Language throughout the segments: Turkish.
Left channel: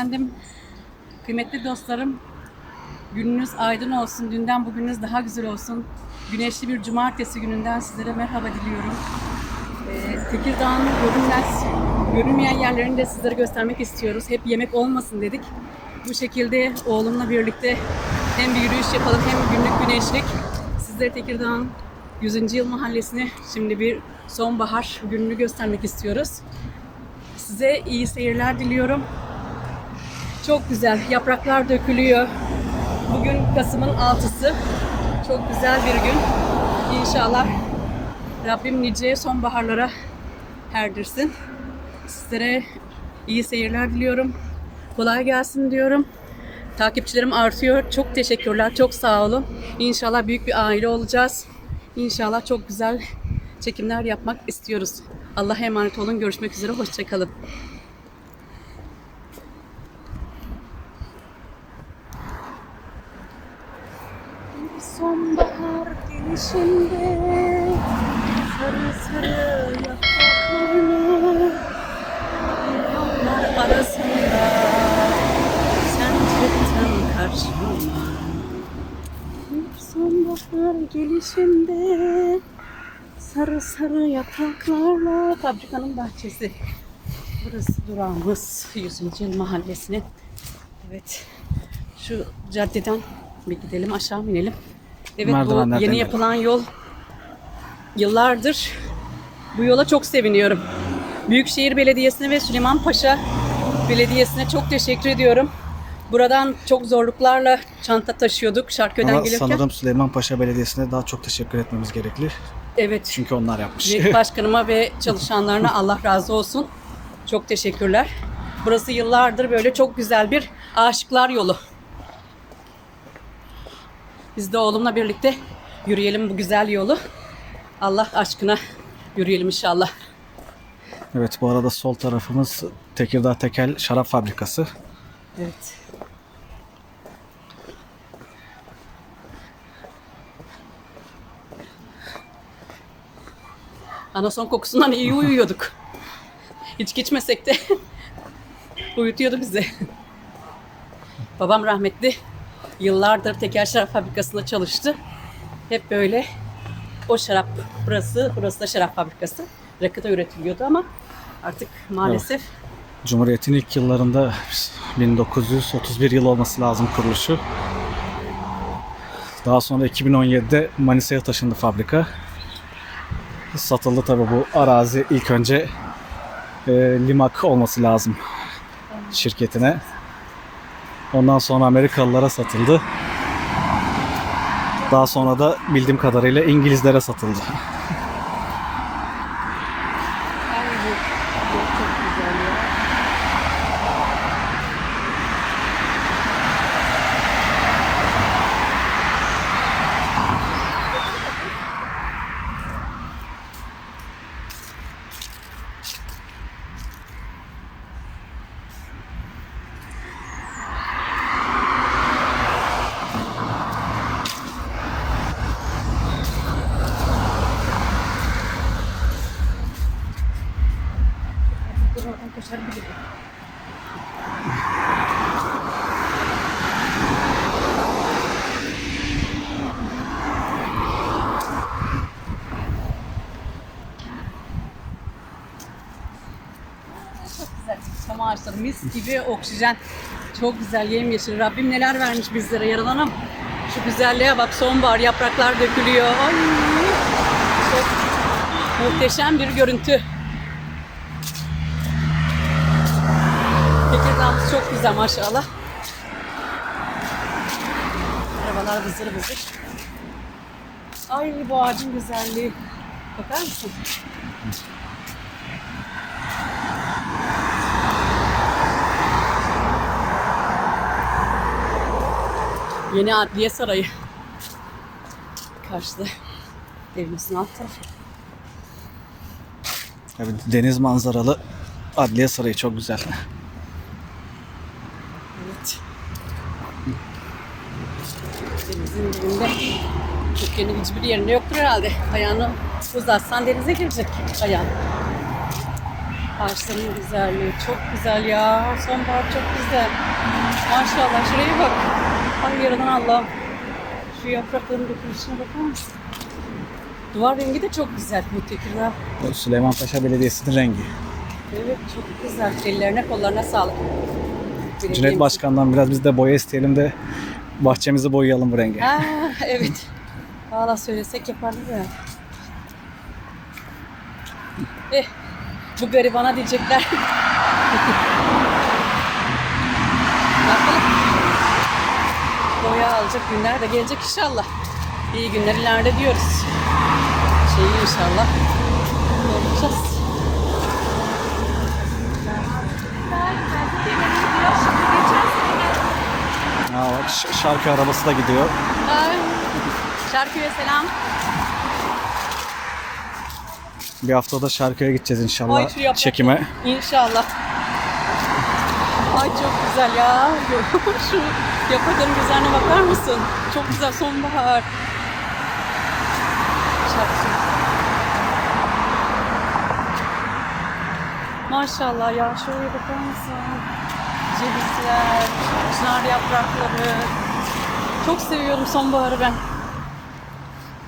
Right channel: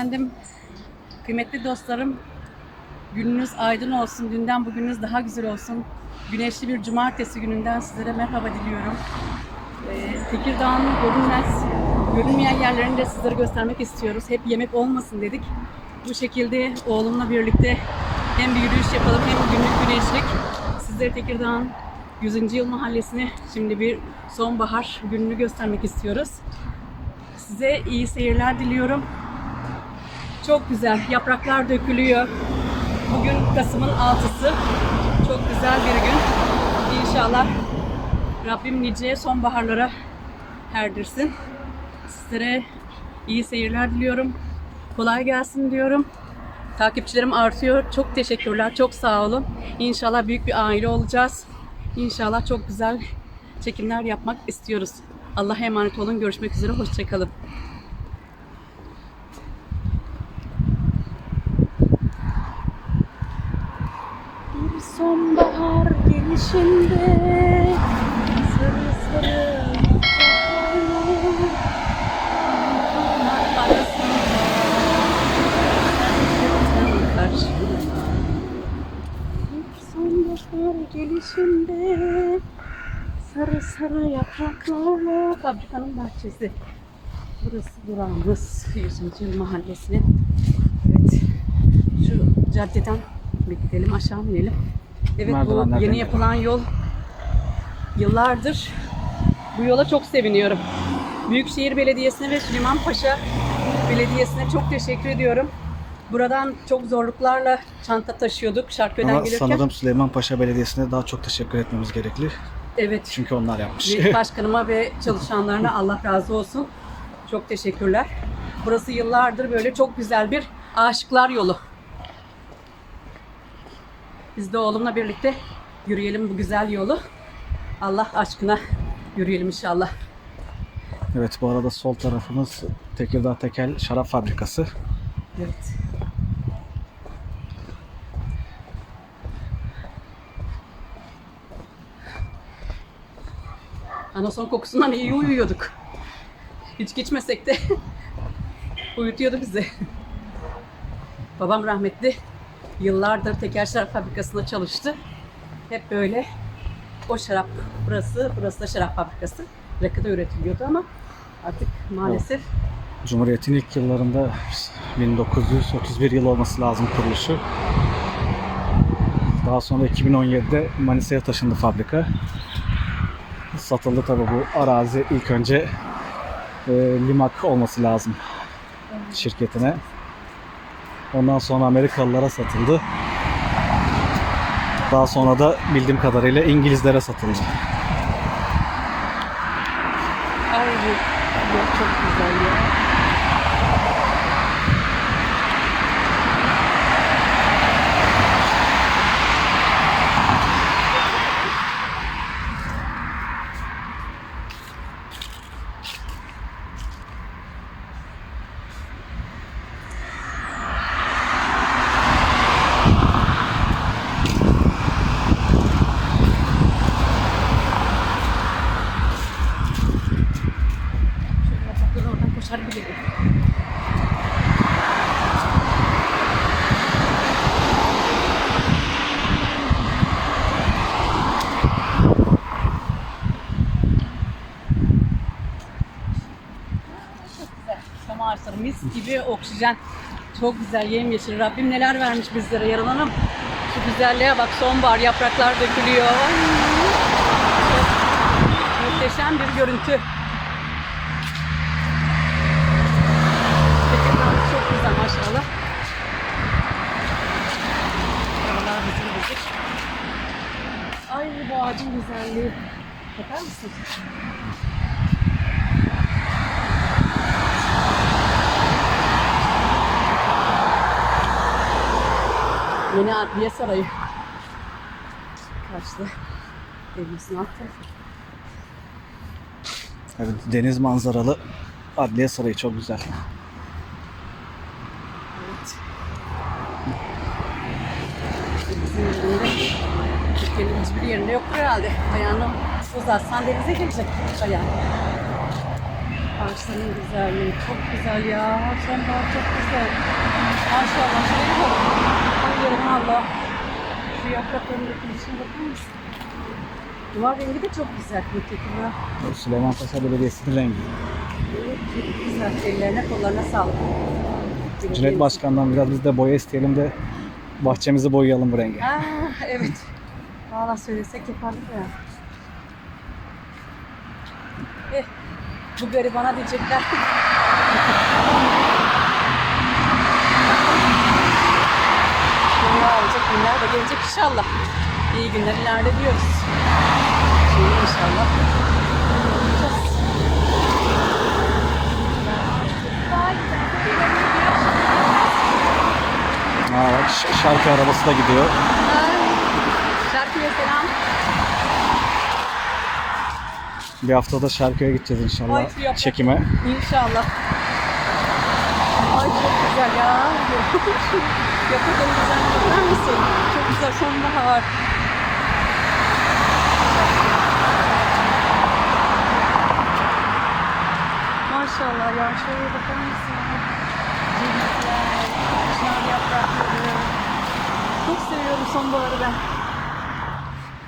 efendim. Kıymetli dostlarım, gününüz aydın olsun. Dünden bugününüz daha güzel olsun. Güneşli bir cumartesi gününden sizlere merhaba diliyorum. Ee, Tekirdağ'ın görünmez, görünmeyen yerlerini de sizlere göstermek istiyoruz. Hep yemek olmasın dedik. Bu şekilde oğlumla birlikte hem bir yürüyüş yapalım hem günlük güneşlik. Sizlere Tekirdağ'ın 100. Yıl Mahallesi'ni şimdi bir sonbahar gününü göstermek istiyoruz. Size iyi seyirler diliyorum. Çok güzel. Yapraklar dökülüyor. Bugün Kasım'ın 6'sı. Çok güzel bir gün. İnşallah Rabbim nice sonbaharlara erdirsin. Sizlere iyi seyirler diliyorum. Kolay gelsin diyorum. Takipçilerim artıyor. Çok teşekkürler. Çok sağ olun. İnşallah büyük bir aile olacağız. İnşallah çok güzel çekimler yapmak istiyoruz. Allah'a emanet olun. Görüşmek üzere. Hoşçakalın. Bir sonbahar gelişinde sarı sarı yapraklarını Yağmurlar arasında sen çıktın karşıma Bir sonbahar gelişinde sarı sarı yapraklarla fabrikanın bahçesi. Burası durağımız 100. Yıl Mahallesi'nin. Evet. Şu caddeden bir gidelim aşağı inelim. Evet bu yeni yapılan yol yıllardır bu yola çok seviniyorum. Büyükşehir Belediyesi'ne ve Süleymanpaşa Belediyesi'ne çok teşekkür ediyorum. Buradan çok zorluklarla çanta taşıyorduk Şarköy'den Ama gelirken. sanırım Süleymanpaşa Belediyesi'ne daha çok teşekkür etmemiz gerekli. Evet. Çünkü onlar yapmış. Belediye başkanıma ve çalışanlarına Allah razı olsun. Çok teşekkürler. Burası yıllardır böyle çok güzel bir aşıklar yolu. Biz de oğlumla birlikte yürüyelim bu güzel yolu. Allah aşkına yürüyelim inşallah. evet bu arada sol tarafımız Tekirdağ Tekel Şarap Fabrikası. Evet. Anason kokusundan iyi uyuyorduk. Hiç geçmesek de uyutuyordu bizi. Babam rahmetli yıllardır tekel şarap fabrikasında çalıştı. Hep böyle o şarap burası, burası da şarap fabrikası. Rakıda üretiliyordu ama artık maalesef Cumhuriyet'in ilk yıllarında 1931 yıl olması lazım kuruluşu. Daha sonra 2017'de Manisa'ya taşındı fabrika. Satıldı tabi bu arazi ilk önce e, Limak olması lazım şirketine. Ondan sonra Amerikalılara satıldı. Daha sonra da bildiğim kadarıyla İngilizlere satıldı. Ay bu bu çok güzel ya. Dur oradan koşar gibi. Çok güzel. Ağaçları mis gibi oksijen. Çok güzel yemyeşil. Rabbim neler vermiş bizlere yaralanım. Şu güzelliğe bak sonbahar yapraklar dökülüyor. Ay. Muhteşem bir görüntü. Tekirdağ'ımız çok güzel maşallah. Arabalar vızır vızır. Ay bu ağacın güzelliği. Bakar mısın? Yeni Adliye Sarayı. Karşıda evimizin alt tarafı. Evet, deniz manzaralı Adliye Sarayı çok güzel. Evet. Denizin dibinde Türkiye'nin hiçbir yerinde yoktur herhalde. Ayağını uzatsan denize girecek ayağın. Ay Ağaçların güzelliği çok güzel ya. Sonbahar çok güzel. Maşallah şuraya bak. Ay yaradan Allah. Şu yaprakların dökülüşüne bakar mısın? Duvar rengi de çok güzel bu tekrar. Bu Süleymanpaşa Belediyesi'nin rengi. Evet çok güzel. Ellerine kollarına sağlık. Cüneyt Başkan'dan biraz biz de boya isteyelim de bahçemizi boyayalım bu renge. Aa, evet. Valla söylesek yapardı ya. Eh, bu garibana diyecekler. Boya alacak günler de gelecek inşallah. İyi günler ileride diyoruz. Şey inşallah. Olacağız. Aa, bak şarkı arabası da gidiyor. Ay, Şarkıya selam. Bir haftada şarkıya gideceğiz Ay, inşallah şu yaprak- çekime. İnşallah. Ay çok güzel ya. Şu yaprakların güzelliğine bakar mısın? Çok güzel sonbahar. Maşallah ya şuraya bakar mısın? Cevizler, çınar yaprakları. Çok seviyorum sonbaharı ben.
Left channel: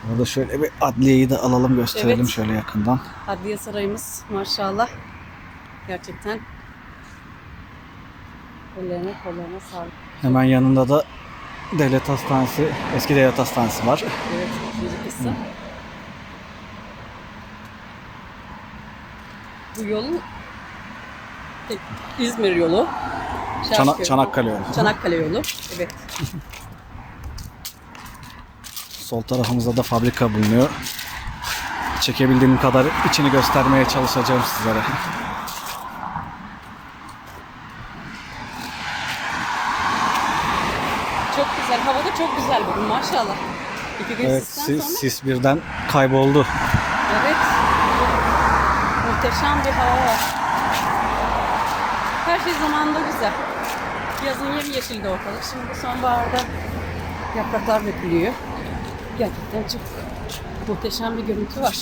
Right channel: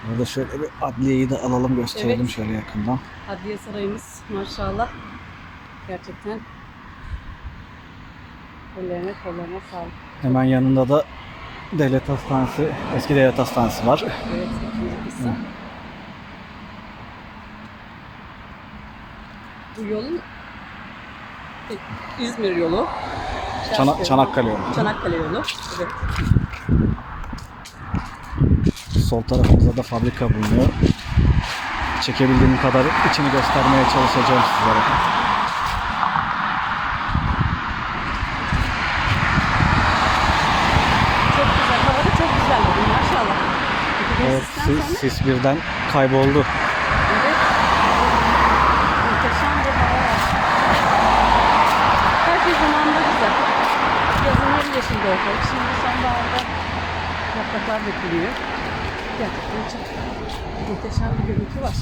Burada şöyle bir adliyeyi de alalım gösterelim Evet. şöyle yakından. Adliye sarayımız maşallah. Gerçekten ellerine kollarına sağlık. Hemen yanında da devlet hastanesi, eski devlet hastanesi var. Evet, kısım. Bu yol İzmir yolu. Çana-. Çanakkale yolu. Çanakkale yolu. Evet. Sol tarafımızda da fabrika bulunuyor. Çekebildiğim kadar içini göstermeye çalışacağım sizlere. Çok güzel. Hava da çok güzel bugün maşallah. Evet, sis, sis birden kayboldu. Evet. Muhteşem bir hava. Her şey zamanında güzel. Yazın yemyeşildi ortalık. Şimdi sonbaharda yapraklar dökülüyor. Gerçekten çok muhteşem bir görüntü var.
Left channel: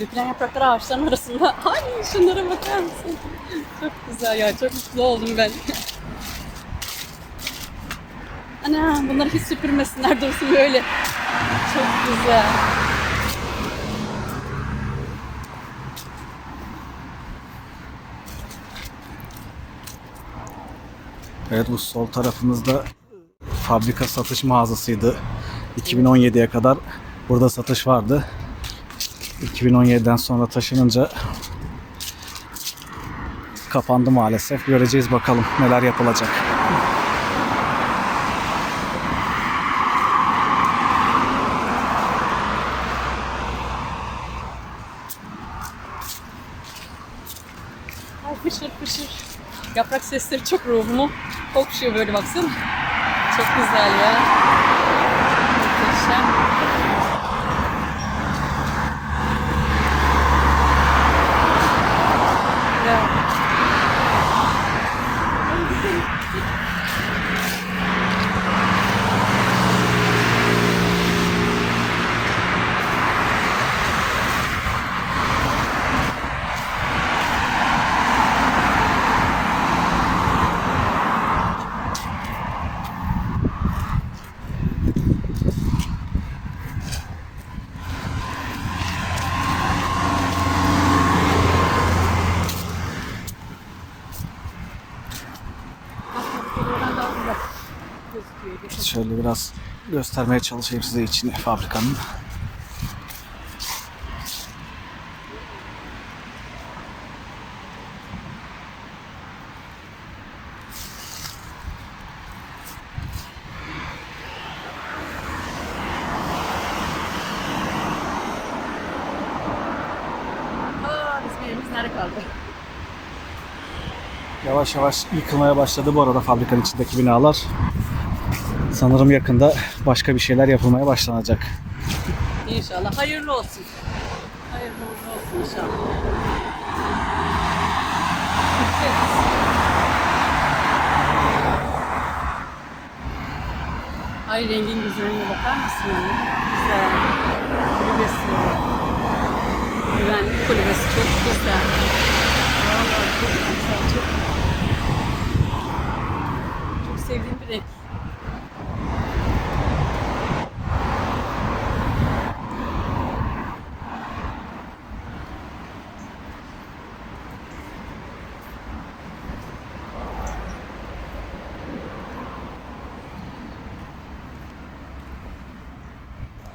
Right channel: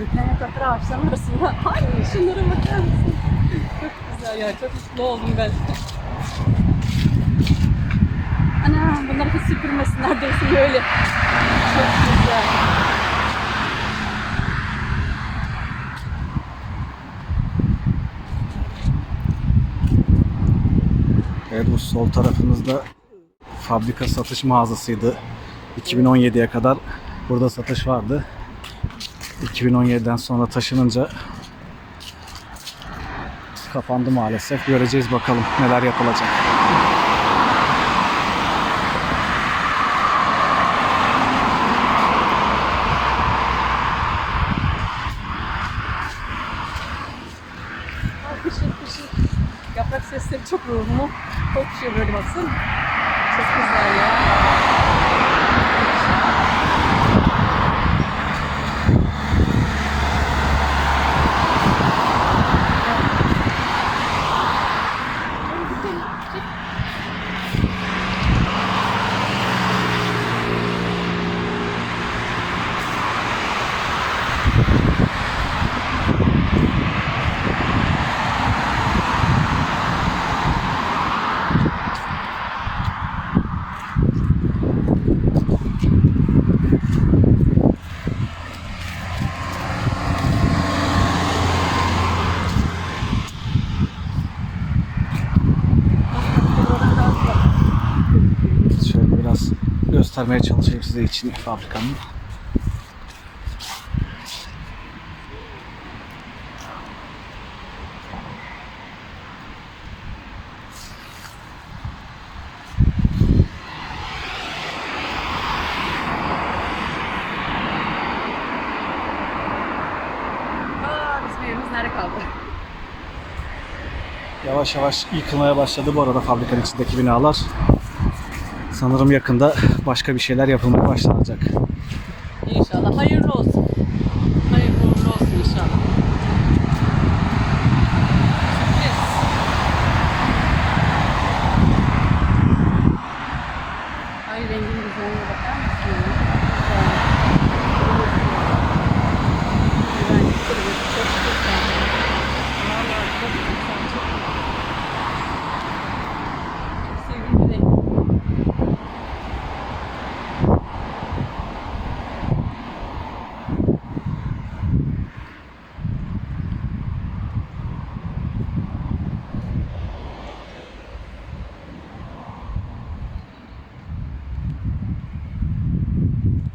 Dökülen yapraklar ağaçların arasında. Ay şunlara bakar mısın? Çok güzel ya. Çok mutlu oldum ben. Ana bunları hiç süpürmesinler dursun böyle. Çok güzel. Evet bu sol tarafımızda fabrika satış mağazasıydı. 2017'ye kadar burada satış vardı. 2017'den sonra taşınınca kapandı maalesef. Göreceğiz bakalım neler yapılacak. Aa, Fışır fışır. Yaprak sesleri çok ruhumu okşuyor böyle baksana. Çok güzel ya. Göstermeye çalışayım size için fabrikanın. Yavaş yavaş yıkılmaya başladı bu arada fabrikanın içindeki binalar. Sanırım yakında başka bir şeyler yapılmaya başlanacak. İnşallah hayırlı olsun. Hayırlı uğurlu olsun inşallah. Evet. Ay rengin güzelliğine bakar mısın? Güzel. Öylesi. Kulübesi çok güzel. Vallahi çok güzel, çok Çok sevdiğim bir renk.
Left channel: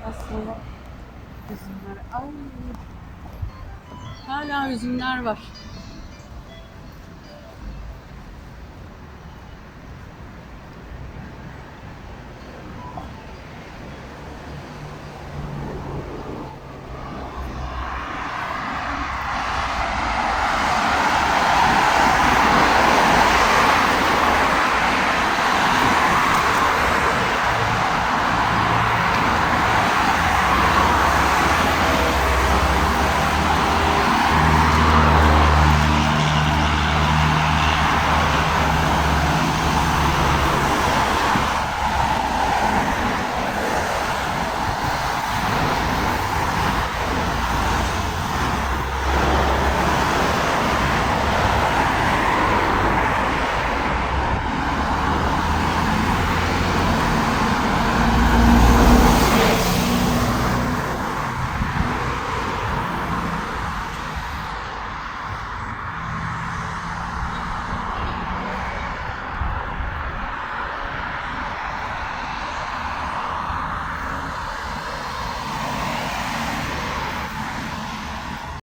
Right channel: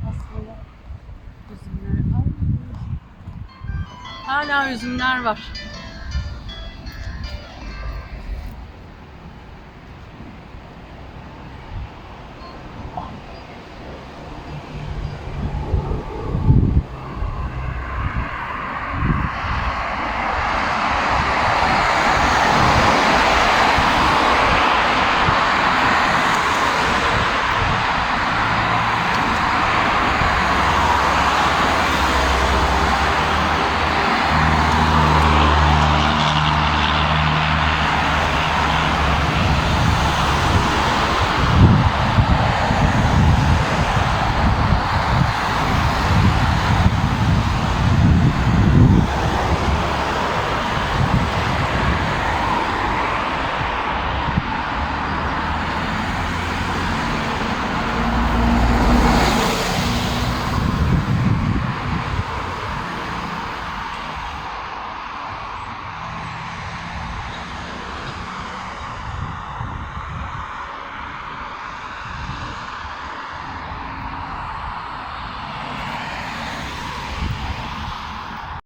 Aslında üzümler. Ay. Hala üzümler var.